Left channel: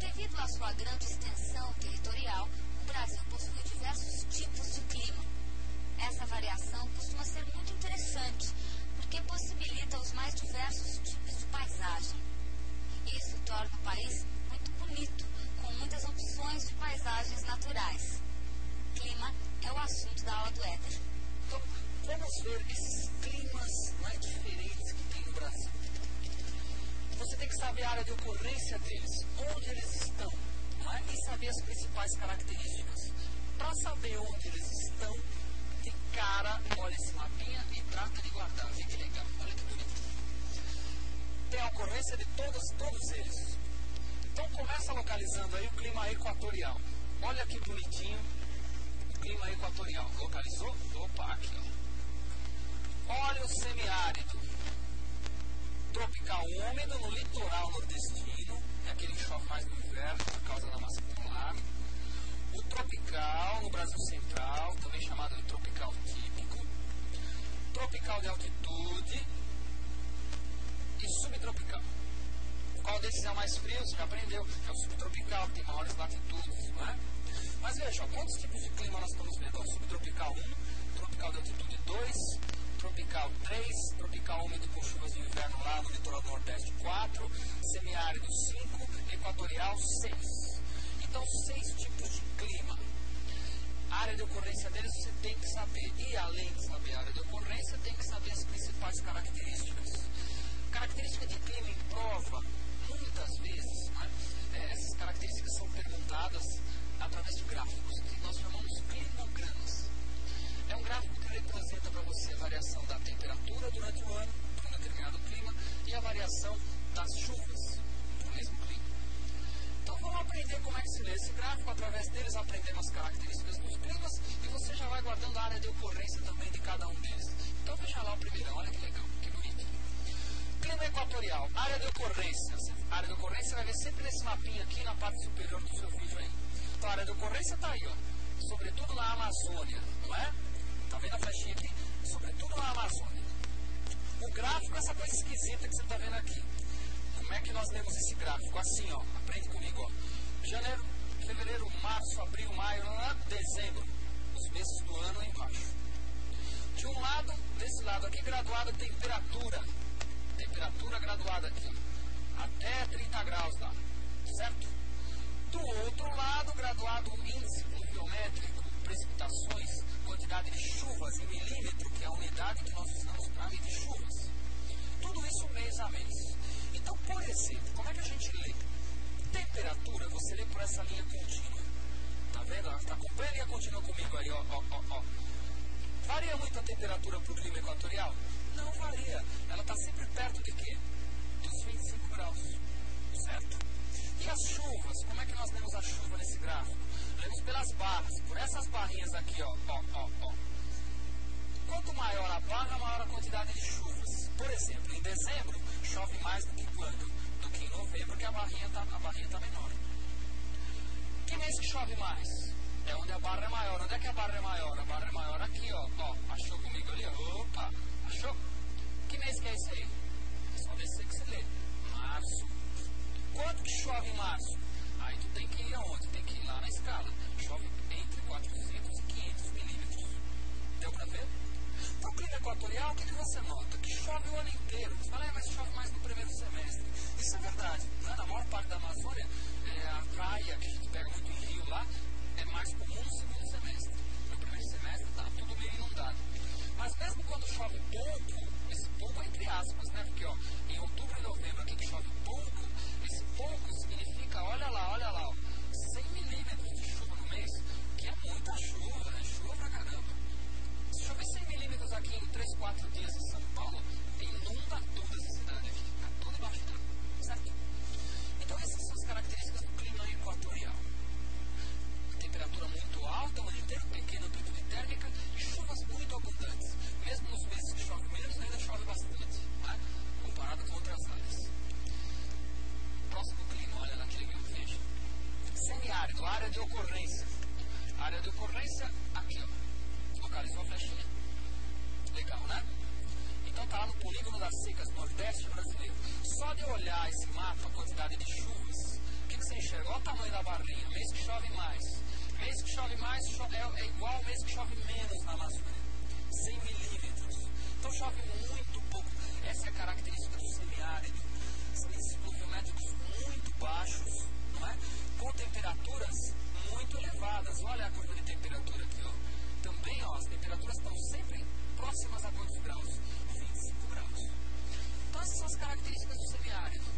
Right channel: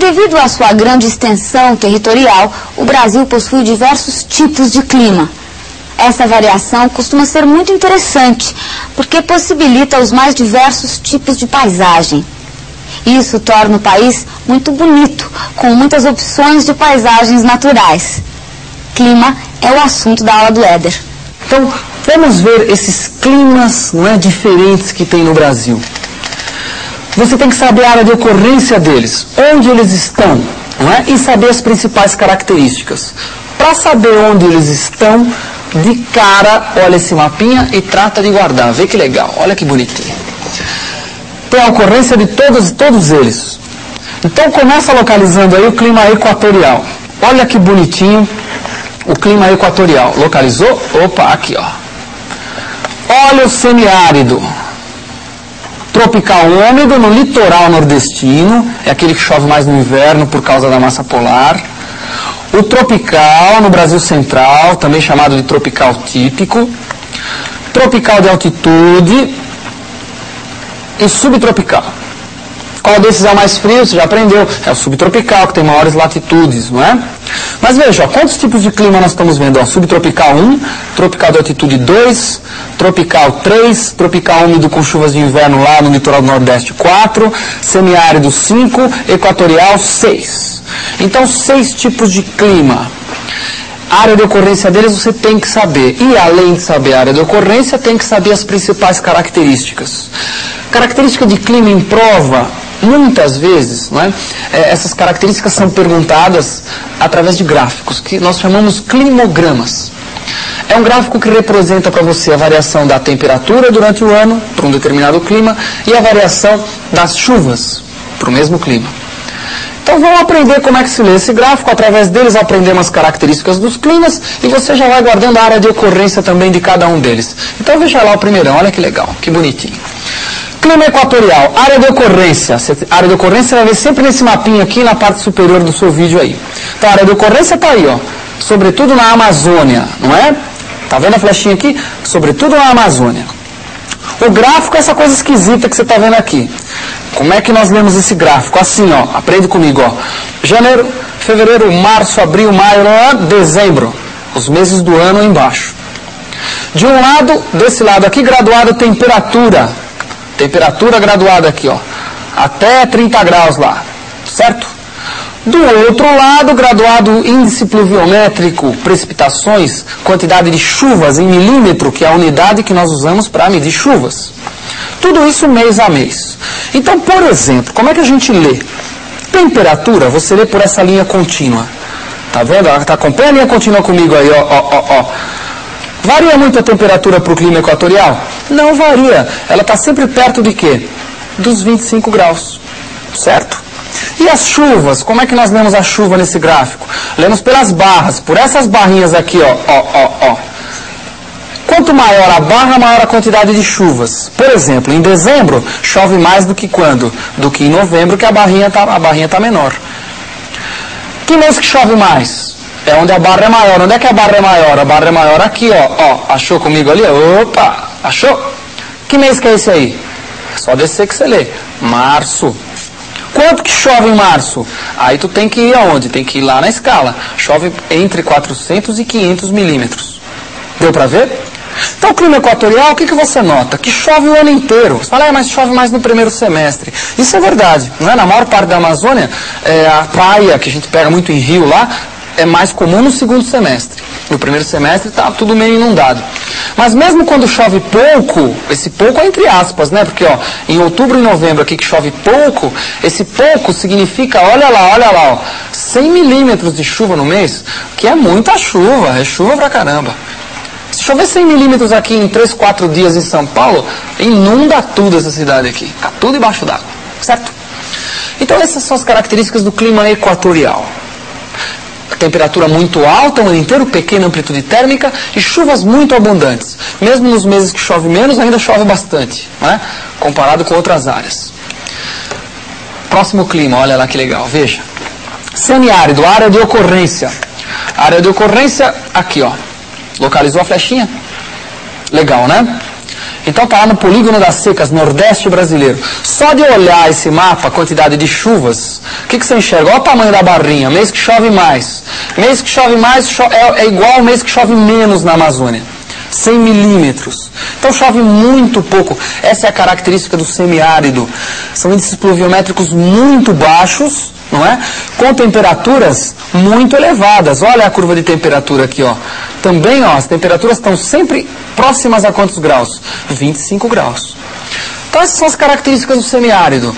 Devido à sua grande extensão territorial, o Brasil possui diversos tipos de clima. Essa variação costuma ser muito interessante, porque possibilita os mais diversos tipos de paisagem. Isso torna o país muito bonito, com muitas opções de paisagens naturais. Clima é o assunto da aula do Éder. Então, vamos ver esses climas, não é, diferentes que tem no Brasil. Você tem que saber a área de ocorrência deles, onde eles estão, não é? E saber as principais características. Para saber onde eles estão, de cara, olha esse mapinha e trata de guardar. Vê que legal, olha que bonitinho. Tem a ocorrência de todos eles. Então começa localizando aí o clima equatorial. Olha que bonitinho o clima equatorial. Localizou? Opa, aqui ó. Olha o semiárido. Tropical úmido no litoral nordestino, é aquele que chove mais no inverno por causa da massa polar. O tropical no Brasil central, também chamado de tropical típico. Tropical de altitude e subtropical. Qual desses é o mais frio? Você já aprendeu. É o subtropical, que tem maiores latitudes, não é? Mas veja, ó, quantos tipos de clima nós estamos vendo? Ó, subtropical 1, tropical de altitude 2, tropical 3, tropical úmido com chuvas de inverno lá no litoral do Nordeste 4, semiárido 5, equatorial 6. Então, 6 tipos de clima. A área de ocorrência deles você tem que saber. E além de saber a área de ocorrência, tem que saber as principais características. Característica de clima em prova, muitas vezes, não é? Essas características são perguntadas através de gráficos, que nós chamamos climogramas. É um gráfico que representa para você a variação da temperatura durante o ano, para um determinado clima, e a variação das chuvas, para o mesmo clima. Então vamos aprender como é que se lê esse gráfico, através deles aprendemos as características dos climas, e você já vai guardando a área de ocorrência também de cada um deles. Então veja lá o primeirão, olha que legal, que bonitinho. Clima equatorial, área de ocorrência. A área de ocorrência você vai ver sempre nesse mapinha aqui na parte superior do seu vídeo aí. Então a área de ocorrência está aí, ó. Sobretudo na Amazônia, não é? Tá vendo a flechinha aqui? Sobretudo na Amazônia. O gráfico é essa coisa esquisita que você está vendo aqui. Como é que nós lemos esse gráfico? Assim, ó. Aprende comigo, ó. Janeiro, fevereiro, março, abril, maio, dezembro. Os meses do ano embaixo. De um lado, desse lado aqui, graduado temperatura. Temperatura graduada aqui, ó, até 30 graus lá, certo? Do outro lado, graduado índice pluviométrico, precipitações, quantidade de chuvas em milímetro, que é a unidade que nós usamos para medir chuvas. Tudo isso mês a mês. Então, por exemplo, como é que a gente lê? Temperatura, você lê por essa linha contínua. Tá vendo? Acompanha a linha contínua comigo aí, ó. Varia muito a temperatura para o clima equatorial? Não varia. Ela está sempre perto de quê? Dos 25 graus. Certo? E as chuvas? Como é que nós lemos a chuva nesse gráfico? Lemos pelas barras. Por essas barrinhas aqui, ó. Quanto maior a barra, maior a quantidade de chuvas. Por exemplo, em dezembro, chove mais do que quando? Do que em novembro, que a barrinha tá menor. Que mês que chove mais? É onde a barra é maior. Onde é que a barra é maior? A barra é maior aqui, ó. Achou comigo ali? Opa! Achou? Que mês que é esse aí? É só descer que você lê. Março. Quanto que chove em março? Aí tu tem que ir aonde? Tem que ir lá na escala. Chove entre 400 e 500 milímetros. Deu pra ver? Então, o clima equatorial, o que você nota? Que chove o ano inteiro. Você fala, mas chove mais no primeiro semestre. Isso é verdade. Não é? Na maior parte da Amazônia, a praia, que a gente pega muito em rio lá, é mais comum no segundo semestre. No primeiro semestre está tudo meio inundado. Mas mesmo quando chove pouco, esse pouco é entre aspas, né? Porque ó, em outubro e novembro aqui que chove pouco, esse pouco significa, olha lá, ó, 100 milímetros de chuva no mês, que é muita chuva, é chuva pra caramba. Se chover 100 milímetros aqui em 3, 4 dias em São Paulo, inunda tudo essa cidade aqui. Fica tudo embaixo d'água, certo? Então essas são as características do clima equatorial. Temperatura muito alta o ano inteiro, pequena amplitude térmica e chuvas muito abundantes. Mesmo nos meses que chove menos, ainda chove bastante, né? Comparado com outras áreas. Próximo clima, olha lá que legal, veja. Semiárido, área de ocorrência. Área de ocorrência, aqui ó. Localizou a flechinha? Legal, né? Então está lá no polígono das secas, nordeste brasileiro. Só de olhar esse mapa, a quantidade de chuvas, o que você enxerga? Olha o tamanho da barrinha, mês que chove mais. Mês que chove mais é igual ao mês que chove menos na Amazônia. 100 milímetros. Então chove muito pouco. Essa é a característica do semiárido. São índices pluviométricos muito baixos, não é? Com temperaturas muito elevadas. Olha a curva de temperatura aqui, ó. Também, ó, as temperaturas estão sempre próximas a quantos graus? 25 graus. Então essas são as características do semiárido.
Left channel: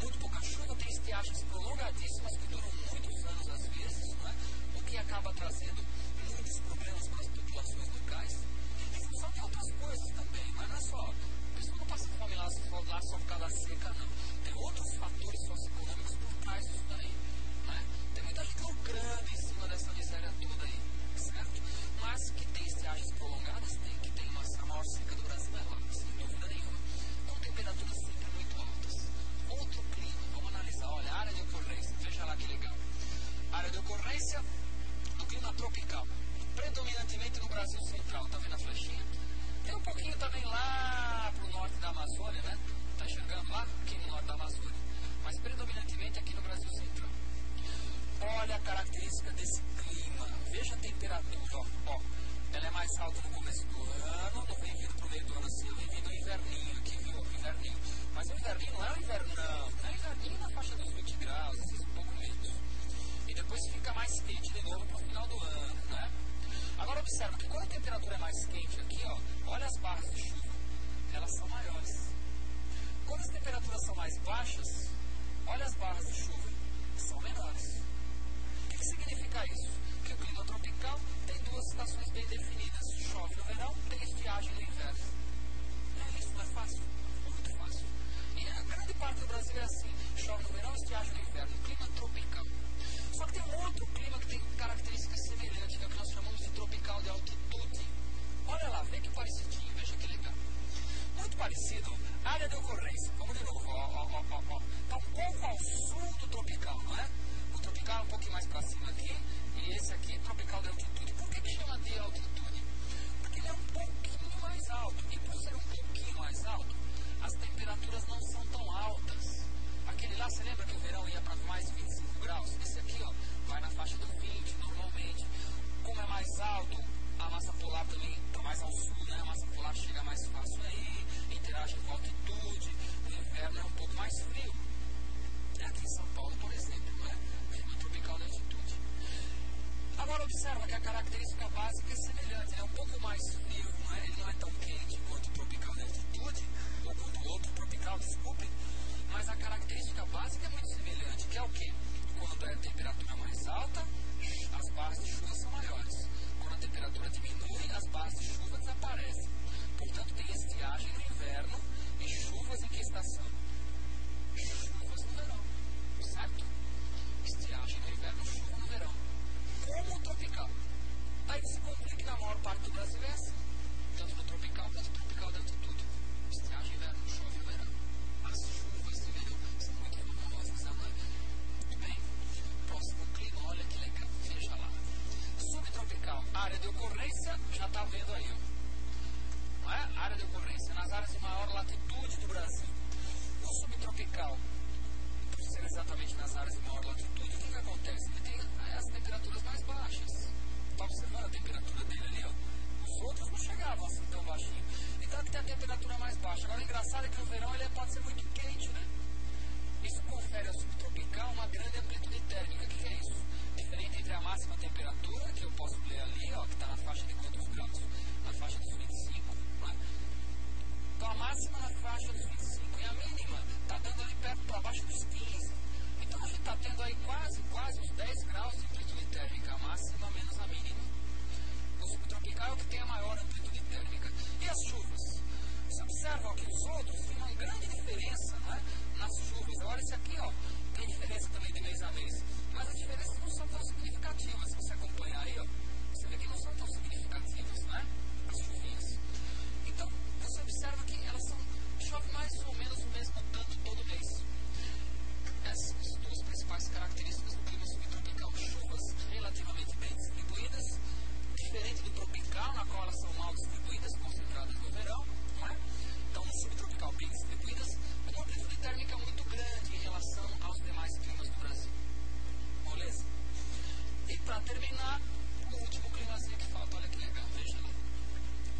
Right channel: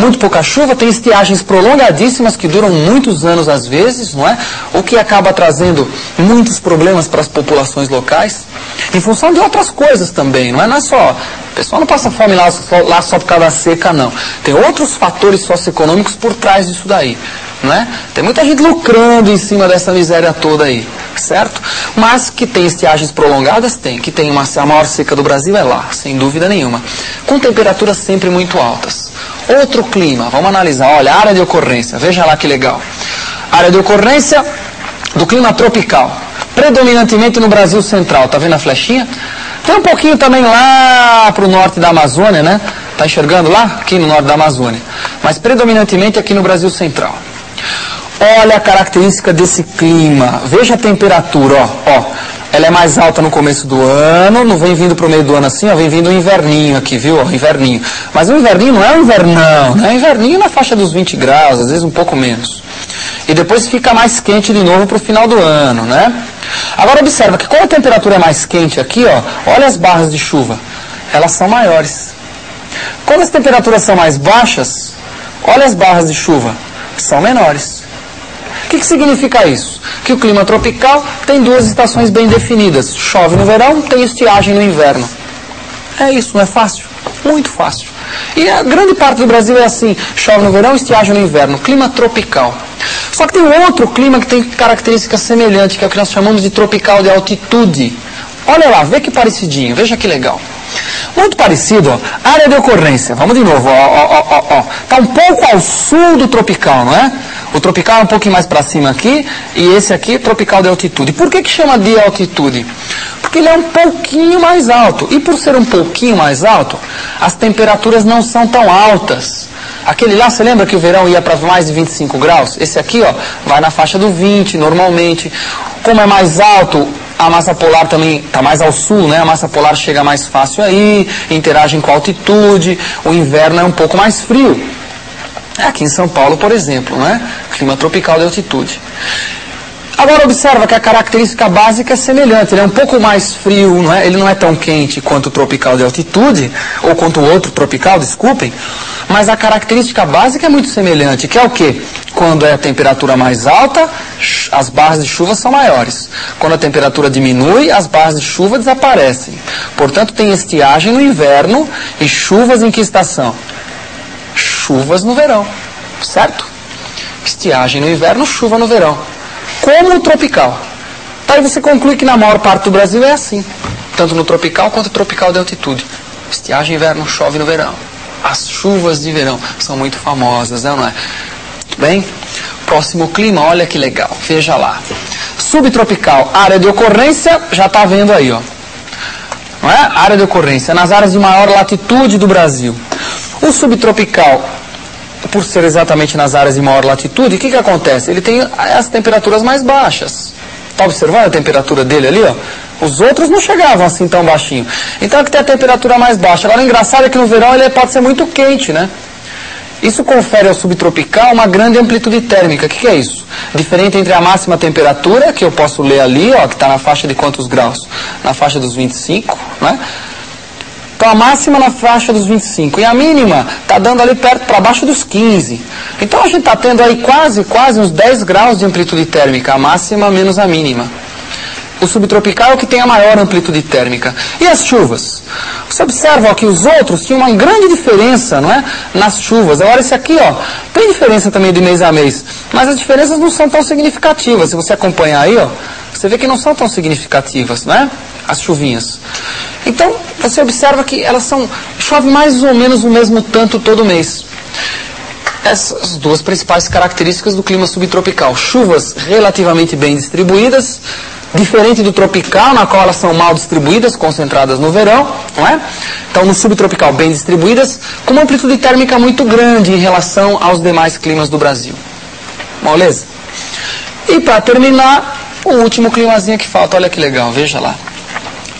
Muito pouca chuva, tem estiagens prolongadíssimas que duram muitos anos às vezes, não é? O que acaba trazendo muitos problemas para as populações locais, em função de outras coisas também, não é só... O pessoal não passa fome lá só por causa da seca, não. Tem outros fatores socioeconômicos por trás disso daí, não é? Tem muita gente lucrando em cima dessa miséria toda aí, certo? Mas que tem estiagens prolongadas, tem. Que tem a maior seca do Brasil é lá, sem dúvida nenhuma. Com temperaturas sempre muito altas. Outro clima, vamos analisar, olha, área de ocorrência, veja lá que legal. Área de ocorrência do clima tropical, predominantemente no Brasil central, tá vendo a flechinha? Tem um pouquinho também lá para o norte da Amazônia, né? Tá enxergando lá? Aqui no norte da Amazônia. Mas predominantemente aqui no Brasil central. Olha a característica desse clima, veja a temperatura, ó. Ela é mais alta no começo do ano, não vem vindo para o meio do ano assim, ó, vem vindo o inverninho aqui, viu? Ó, inverninho. Mas o inverninho não é um invernão, né? Inverninho na faixa dos 20 graus, às vezes um pouco menos. E depois fica mais quente de novo para o final do ano, né? Agora observa que quando a temperatura é mais quente aqui, ó, olha as barras de chuva, elas são maiores. Quando as temperaturas são mais baixas, olha as barras de chuva, são menores. O que significa isso? Que o clima tropical tem duas estações bem definidas. Chove no verão, tem estiagem no inverno. É isso, não é fácil? Muito fácil. E a grande parte do Brasil é assim, chove no verão, estiagem no inverno. Clima tropical. Só que tem outro clima que tem características semelhantes, que é o que nós chamamos de tropical de altitude. Olha lá, vê que parecidinho, veja que legal. Muito parecido, ó, área de ocorrência. Vamos de novo, ó. Está um pouco ao sul do tropical, não é? O tropical é um pouquinho mais para cima aqui, e esse aqui, tropical de altitude. Por que chama de altitude? Porque ele é um pouquinho mais alto. E por ser um pouquinho mais alto, as temperaturas não são tão altas. Aquele lá, você lembra que o verão ia para mais de 25 graus? Esse aqui, ó, vai na faixa do 20, normalmente. Como é mais alto, a massa polar também está mais ao sul, né? A massa polar chega mais fácil aí, interagem com a altitude, o inverno é um pouco mais frio. Aqui em São Paulo, por exemplo, né? Clima tropical de altitude. Agora observa que a característica básica é semelhante, ele é um pouco mais frio, não é? Ele não é tão quente quanto o tropical de altitude, ou quanto o outro tropical, desculpem, mas a característica básica é muito semelhante, que é o quê? Quando é a temperatura mais alta, as barras de chuva são maiores. Quando a temperatura diminui, as barras de chuva desaparecem. Portanto, tem estiagem no inverno e chuvas em que estação? Chuvas no verão, certo? Estiagem no inverno, chuva no verão. Como o tropical. Aí você conclui que na maior parte do Brasil é assim. Tanto no tropical quanto no tropical de altitude. Estiagem inverno, chove no verão. As chuvas de verão são muito famosas, não é? Bem, próximo clima, olha que legal. Veja lá. Subtropical, área de ocorrência, já está vendo aí, ó. Não é? Área de ocorrência, nas áreas de maior latitude do Brasil. O subtropical, por ser exatamente nas áreas de maior latitude, o que acontece? Ele tem as temperaturas mais baixas. Está observando a temperatura dele ali, ó? Os outros não chegavam assim tão baixinho. Então aqui tem a temperatura mais baixa. Agora o engraçado é que no verão ele pode ser muito quente, né? Isso confere ao subtropical uma grande amplitude térmica. O que é isso? Diferente entre a máxima temperatura, que eu posso ler ali, ó, que está na faixa de quantos graus? Na faixa dos 25, né? Então a máxima na faixa dos 25 e a mínima está dando ali perto para baixo dos 15. Então a gente está tendo aí quase uns 10 graus de amplitude térmica, a máxima menos a mínima. O subtropical é o que tem a maior amplitude térmica. E as chuvas? Você observa ó, que os outros tinham uma grande diferença, não é? Nas chuvas. Agora esse aqui, ó, tem diferença também de mês a mês, mas as diferenças não são tão significativas. Se você acompanhar aí, ó, você vê que não são tão significativas, não é? As chuvinhas. Então, você observa que elas chove mais ou menos o mesmo tanto todo mês. Essas duas principais características do clima subtropical. Chuvas relativamente bem distribuídas, Diferente do tropical, na qual elas são mal distribuídas, concentradas no verão, não é? Então, no subtropical, bem distribuídas, com uma amplitude térmica muito grande em relação aos demais climas do Brasil. Beleza? E para terminar, o último climazinho que falta, olha que legal, veja lá.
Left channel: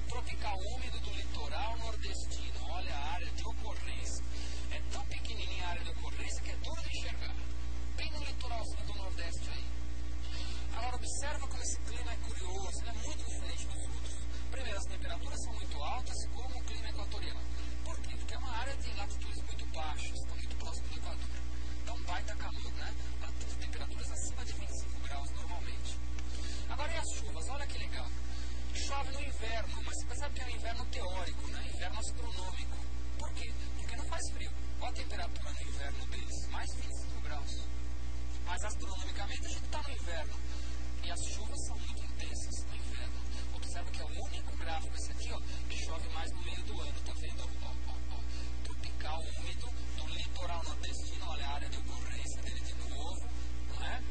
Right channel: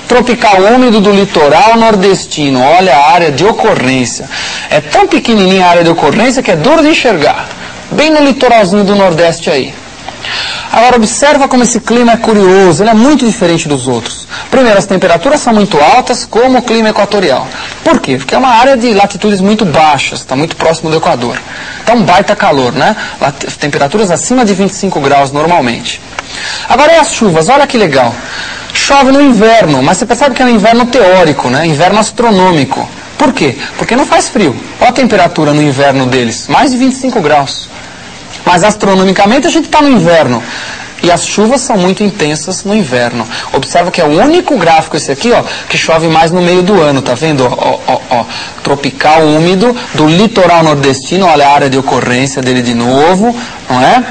Tropical úmido do litoral nordestino, olha a área de ocorrência. É tão pequenininha a área de ocorrência que é duro de enxergar. Bem no litoralzinho do Nordeste aí. Agora, observa como esse clima é curioso, ele é muito diferente dos outros. Primeiro, as temperaturas são muito altas, como o clima equatorial. Por quê? Porque é uma área de latitudes muito baixas, está muito próximo do Equador. Então, baita calor, né? Temperaturas acima de 25 graus normalmente. Agora, e as chuvas? Olha que legal. Chove no inverno, mas você percebe que é um inverno teórico, né? Inverno astronômico. Por quê? Porque não faz frio. Olha a temperatura no inverno deles, mais de 25 graus. Mas astronomicamente a gente está no inverno. E as chuvas são muito intensas no inverno. Observa que é o único gráfico esse aqui, ó, que chove mais no meio do ano, tá vendo? Ó, tropical úmido do litoral nordestino, olha a área de ocorrência dele de novo, não é?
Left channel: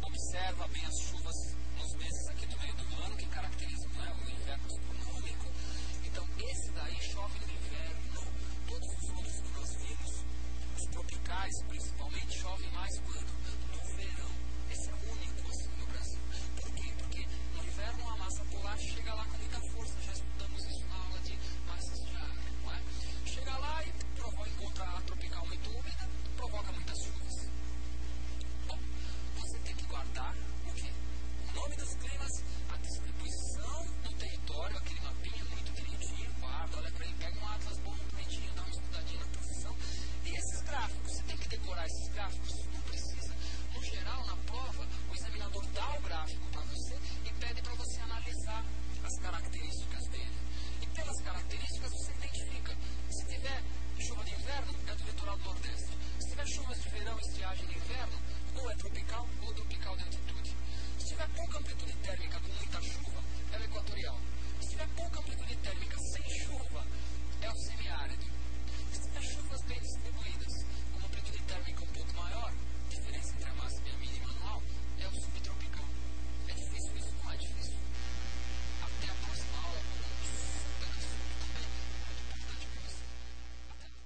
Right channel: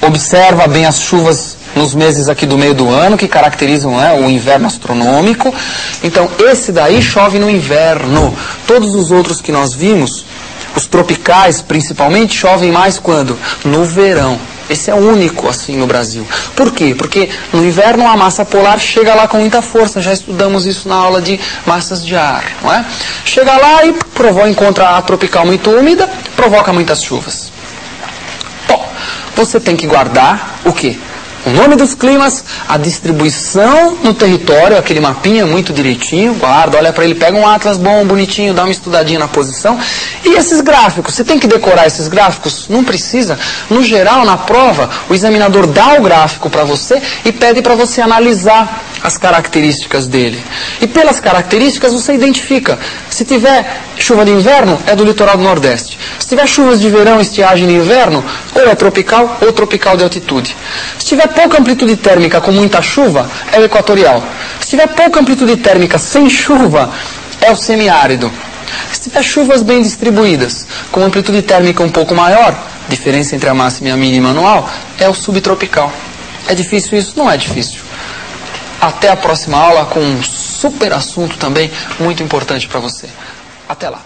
Observa bem as chuvas nos meses aqui do meio do ano, que caracterizam o inverno astronômico. Então, esse daí chove no inverno. Todos os outros que nós vimos, os tropicais principalmente, chovem mais quando? No verão. Esse é o único assim no Brasil. Por quê? Porque no inverno a massa polar chega lá com muita força. Já estudamos isso na aula de massas de ar, não é? Chega lá e encontra a tropical muito úmida, provoca muitas chuvas. Bom, você tem que guardar o quê? O nome dos climas, a distribuição no território, aquele mapinha muito direitinho, guarda, olha para ele, pega um atlas bom, bonitinho, dá uma estudadinha na posição. E esses gráficos, você tem que decorar esses gráficos? Não precisa. No geral, na prova, o examinador dá o gráfico para você e pede para você analisar as características dele. E pelas características você identifica. Se tiver chuva de inverno, é do litoral do Nordeste. Se tiver chuvas de verão, estiagem de inverno, ou é tropical ou tropical de altitude. Se tiver pouca amplitude térmica com muita chuva, é o equatorial. Se tiver pouca amplitude térmica sem chuva, é o semiárido. Se tiver chuvas bem distribuídas, com amplitude térmica um pouco maior, diferença entre a máxima e a mínima anual, é o subtropical. É difícil isso? Não é difícil. Até a próxima aula com um super assunto também muito importante para você. Até lá.